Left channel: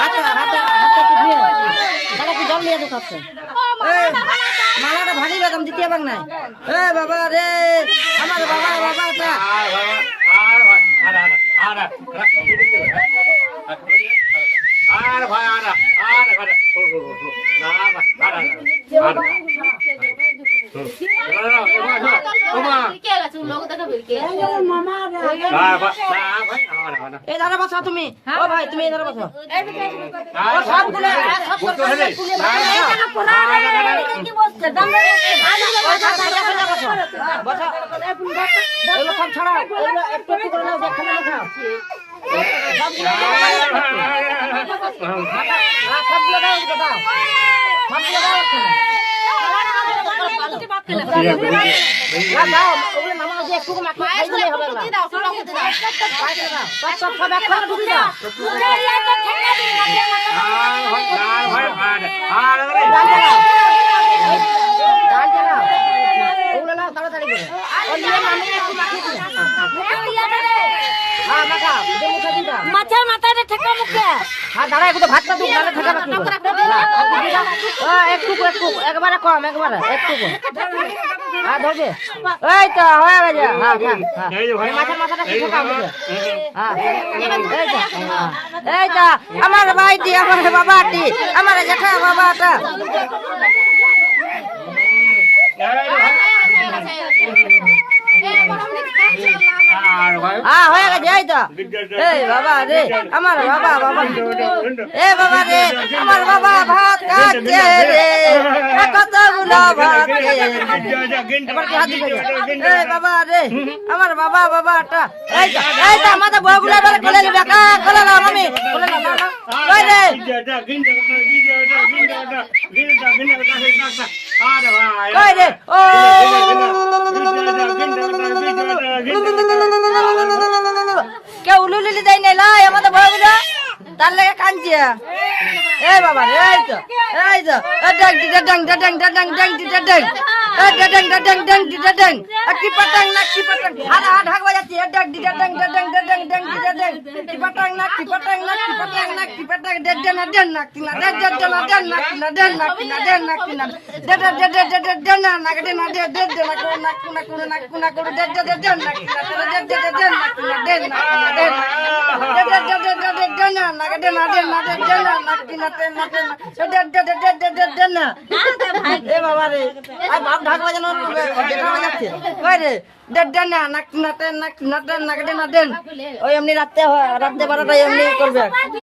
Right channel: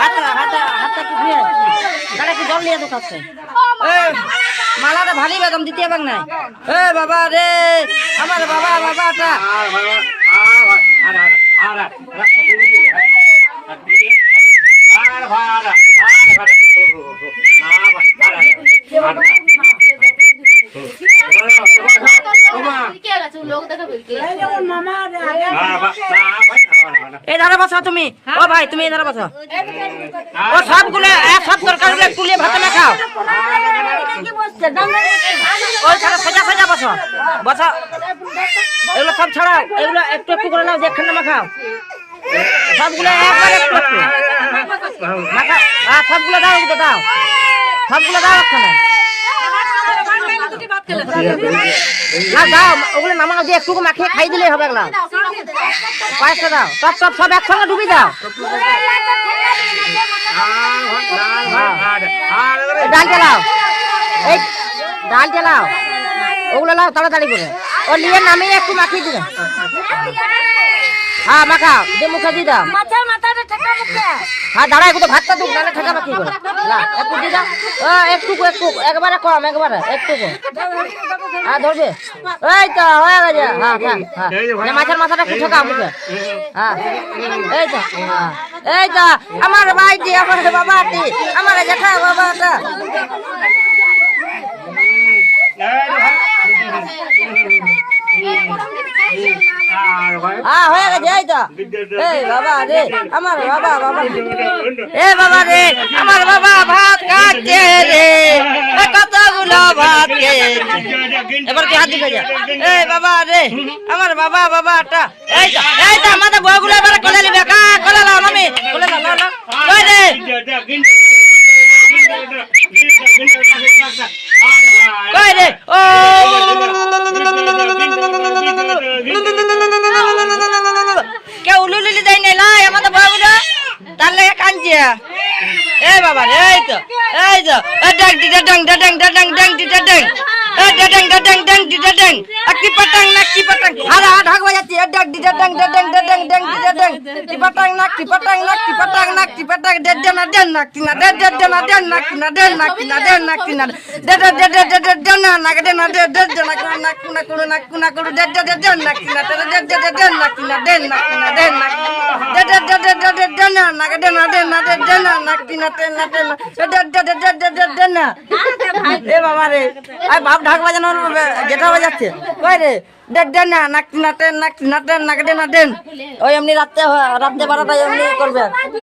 হাতটা কি ধুয়ে তারা কি জল নিয়ে ঢুকাচ্ছে মালাটা ভারী বেদম দিতে পার নাই বাবা রে আমার বাবাটা এই ধারা বসা তুমি ও ভাই তুমি এই ধারা বসা ও সবগুলো এক সব তরকারি তুলে ভাত না খাও ওই সারা সোজা সোজা বসো বসো এগুলো সব ছাড়াও এগুলো একটু একটু করে নাও দেখেন না খাও সবগুলো সবগুলো দাও দাও সবগুলো দাও ওখানে ওগুলো নামানো দিয়ে একটু মাখিয়ে খাই দিলেই হবে এগুলা পয়সা দাও সব সব একসঙ্গে ডুবি দাও ডাল চালাও এই ডাল চালাও ওগুলো লাও তাড়াতাড়ি করে ও নিয়ে নামিয়ে একটু মাখিয়ে দিবে হ্যাঁ মাখা দিয়ে মুখে দিয়ে দাও মাথাটা ঠেকা মুখে হ্যাঁ দাঁড়া একটু ভাতটা দুক নাহলে ঠেকাবা কি করে একটু দিয়ে দাও একটু একবারে কম একবারে একটু হ্যাঁ ধরবে এই তো হয়ে গেছে হ্যাঁ হ্যাঁ মাছের মাথাটা কি ঠেকা মুখে হ্যাঁ এই তো আমার ভাইটি আমার বাবাটি আমার জেঠা বাবাটা হয়ে গেছে এই তো এই বাবা রে আমার বাবা এ বাবা রে আমার বাবা ভাত খাচ্ছে রে কতগুলো ভাত এবার কি হাত দিকে যা এই বাবা রে আমার বাবাটা এই তো আমাদের বউগুলো এবারে কোলে নিবে কোলে নাও মামি কোলে নাও ওই রে কই রে ও কে উলুলি দেয় না লাই আমাদের বউগুলো তার লাগে কাঁদছে এই বাবা রে এই তো ডং ডং ডং ডং ডং ডং ডং ডং ডং ডং কি পটং না কি পটং হাড়া ঢাক বাজাচ্ছে ডং ডং ডং ডং ডং ডং কি পটং না কি পটং না কি পটং না কি পটং ডং ডং না কি না ডং ডং না কি না ডং না কি না ডং না কি না ডং ডং না কি না ডং না ডং ডং না কি না ডং ডং না কি না ডং না কি না ডং না এ বাবা রে বাপ ঢাক বাজানোর যেটা বাজাচ্ছে কই রে ওই এমনি রাত্রে 12টায় এমনি করবে।